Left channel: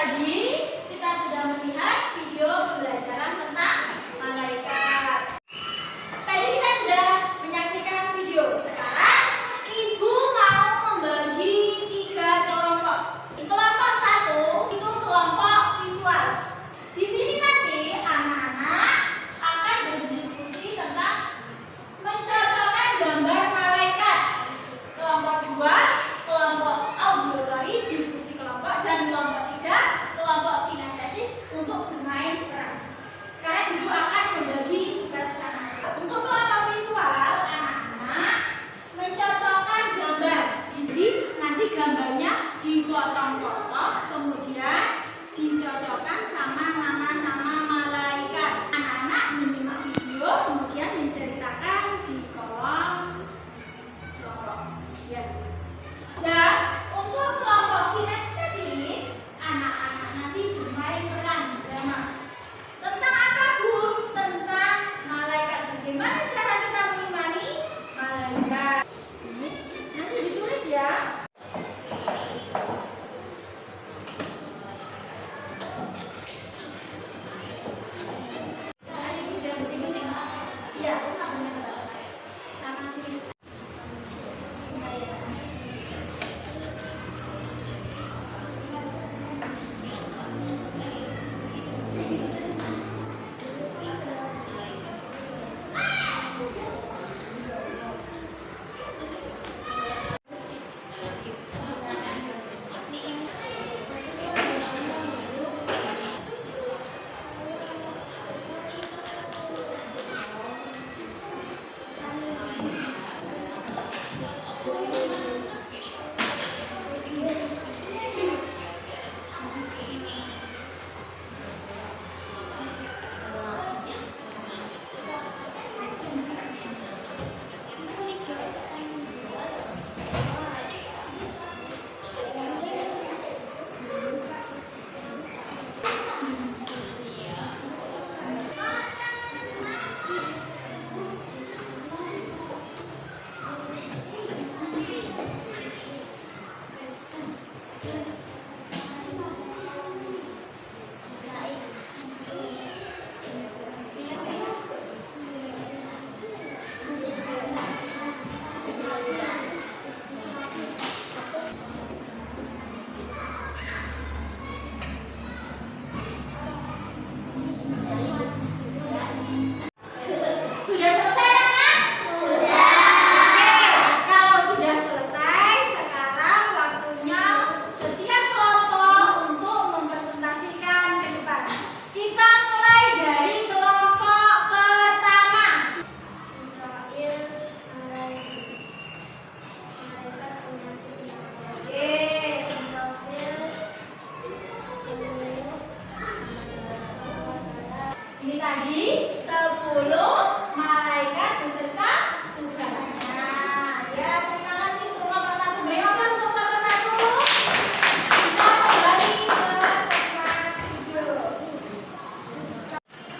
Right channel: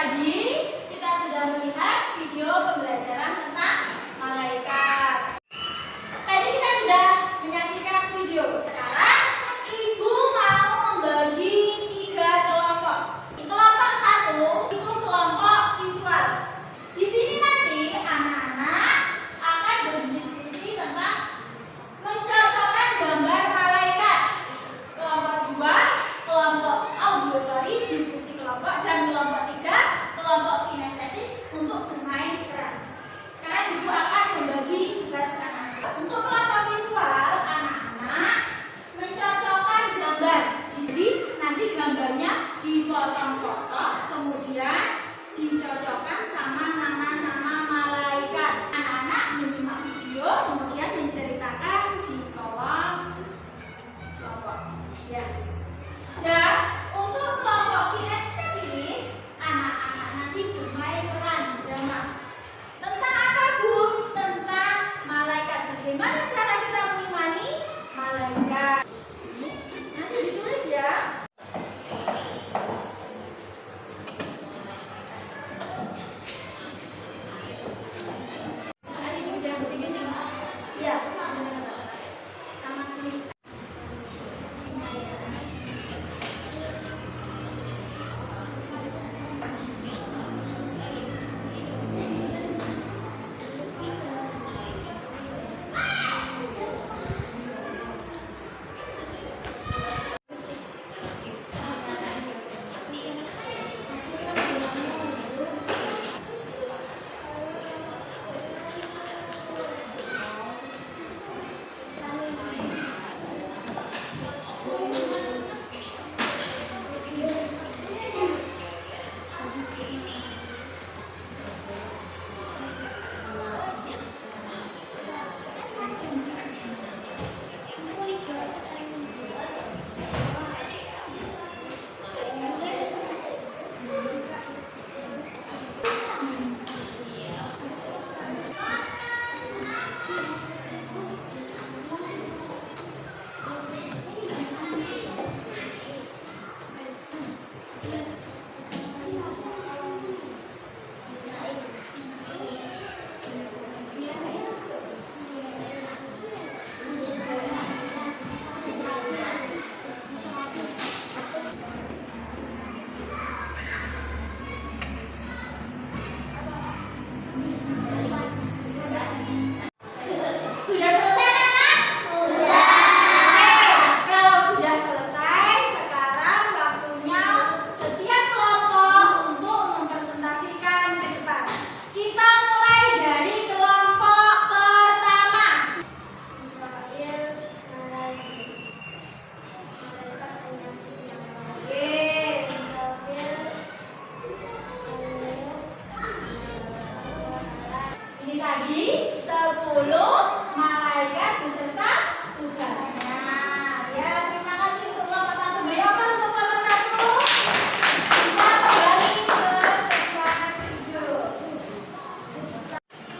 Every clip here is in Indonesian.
tadi kita sudah melihat video pembelajaran tentang malaikat. Tadi kita sudah menyaksikan video. Sekarang Ibu mau membagi 3 kelompok. Kelompok 1 itu kelompok visual. Di sini nanti anak-anak akan berdiskusi tentang mencocokkan gambar malaikat. Kelompok 2 kelompok auditory, diskusi kelompok, dan kelompok 3 kelompok kinestetik untuk bermain peran. Sekarang Ibu akan membagi tugas anak-anak. Untuk kelompok visual, anak-anak mencocokkan gambar. Jadi nanti gambarnya dipotong-potong, kemudian dicocokkan sama nama-nama malaikat. Anak-anak menyimak video, kemudian menceritakan di kolom kelompok. Ya. Dan untuk kelompok kinestetik, anak-anak nanti bermain peran drama. Tentang apa, Bu? Tentang malaikat. Bagaimana cara kita mengimani malaikat? Ini nanti ditulis ya. Iya, sama sini. Sudah selesai, anak? Sudah. Oke, kalau sudah selesai, sekarang waktunya setiap kelompok untuk mempresentasikan ke depan. Kita mulai dari kelompok pertama. Israel, malaikat penyakit. Oke, Israel. Ini tadi 10 malaikat beserta tugasnya. Ya, terima kasih untuk kelompok 1. Bayangkan untuk kelompok 1 bisa kembali ke tempat tidur.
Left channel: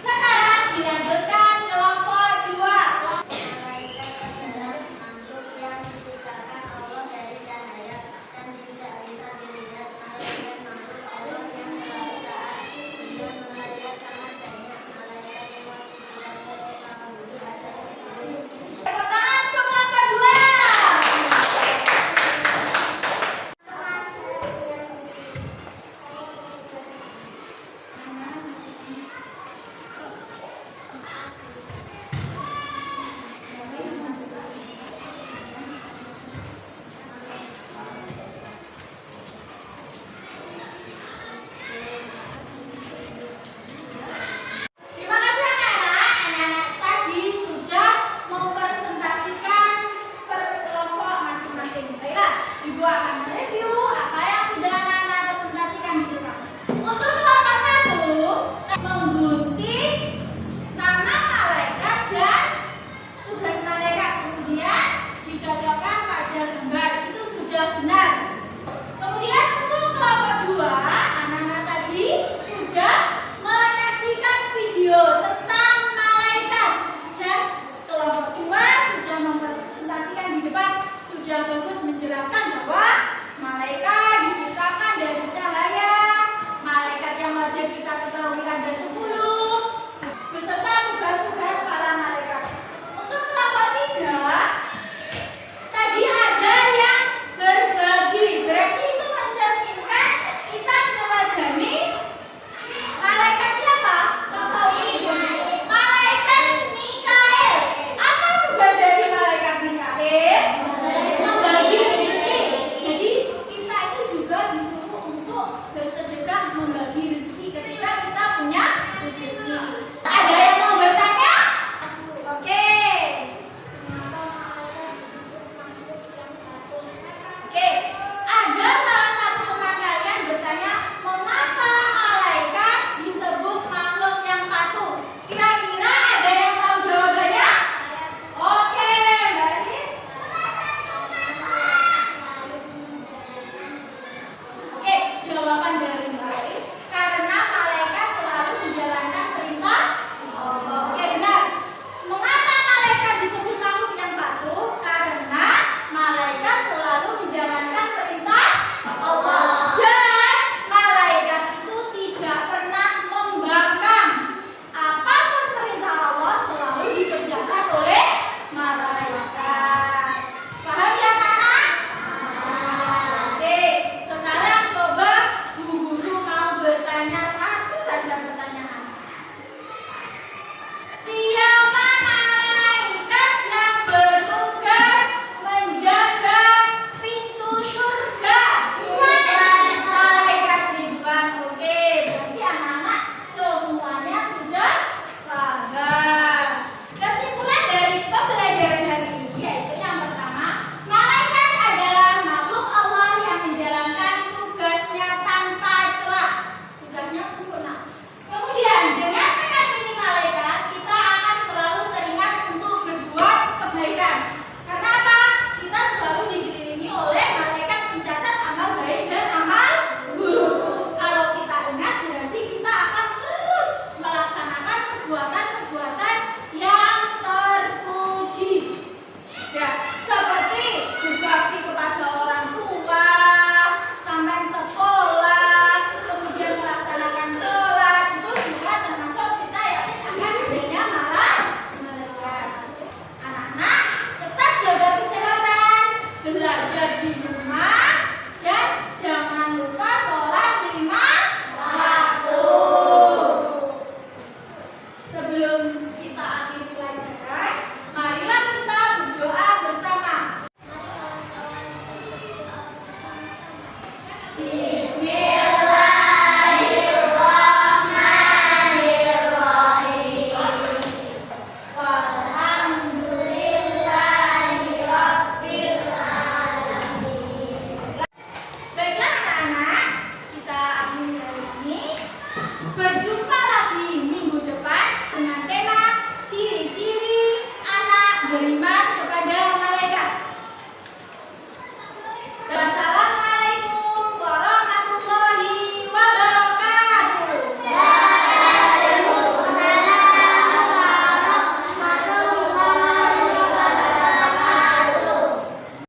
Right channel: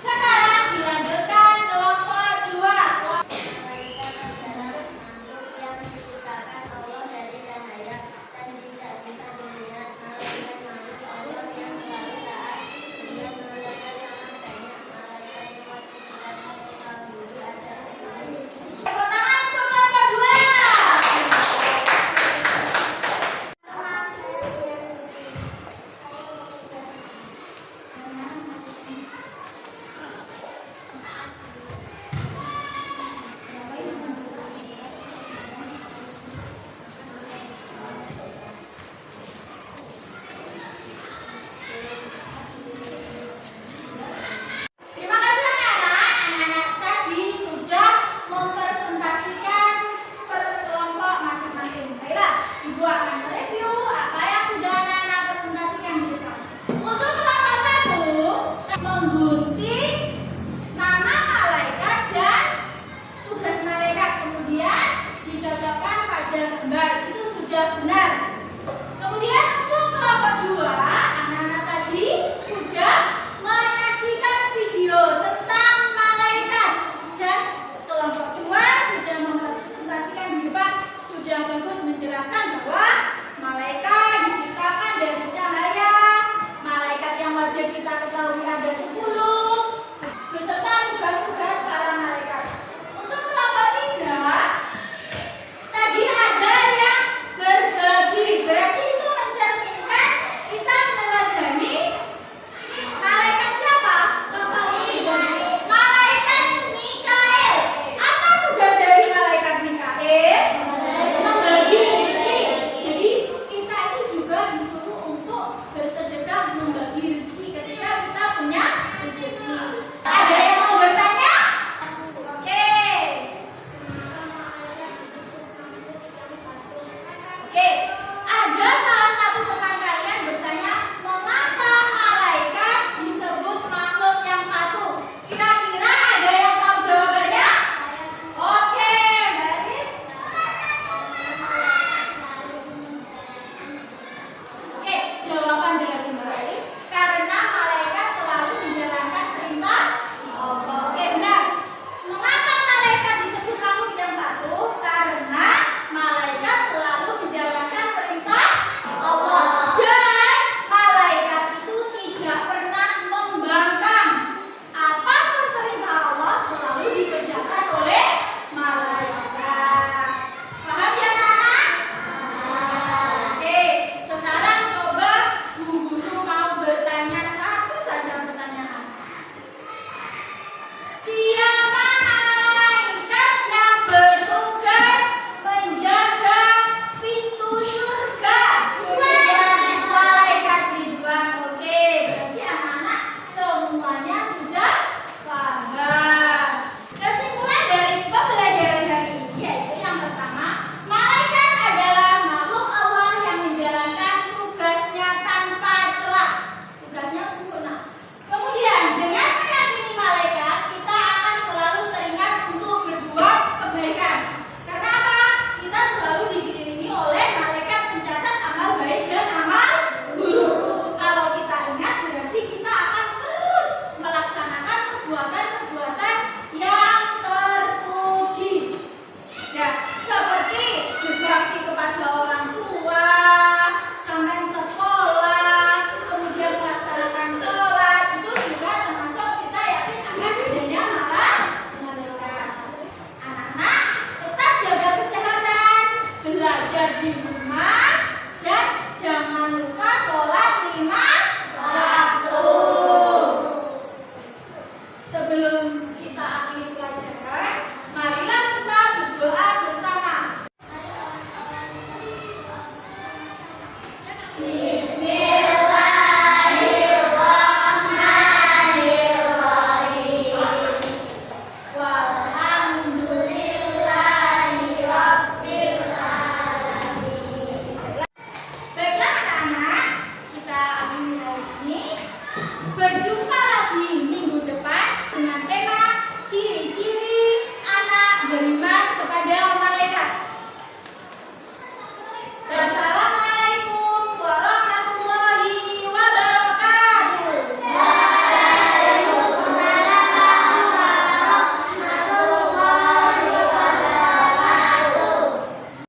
Sekarang dilanjutkan kelompok 2. Malaikat adalah makhluk yang diciptakan Allah dari cahaya dan tidak bisa dilihat. Malaikat makhluk Allah yang selalu taat dengan malaikat sangat banyak. Malaikat lewat 99 saja kita ketahui ada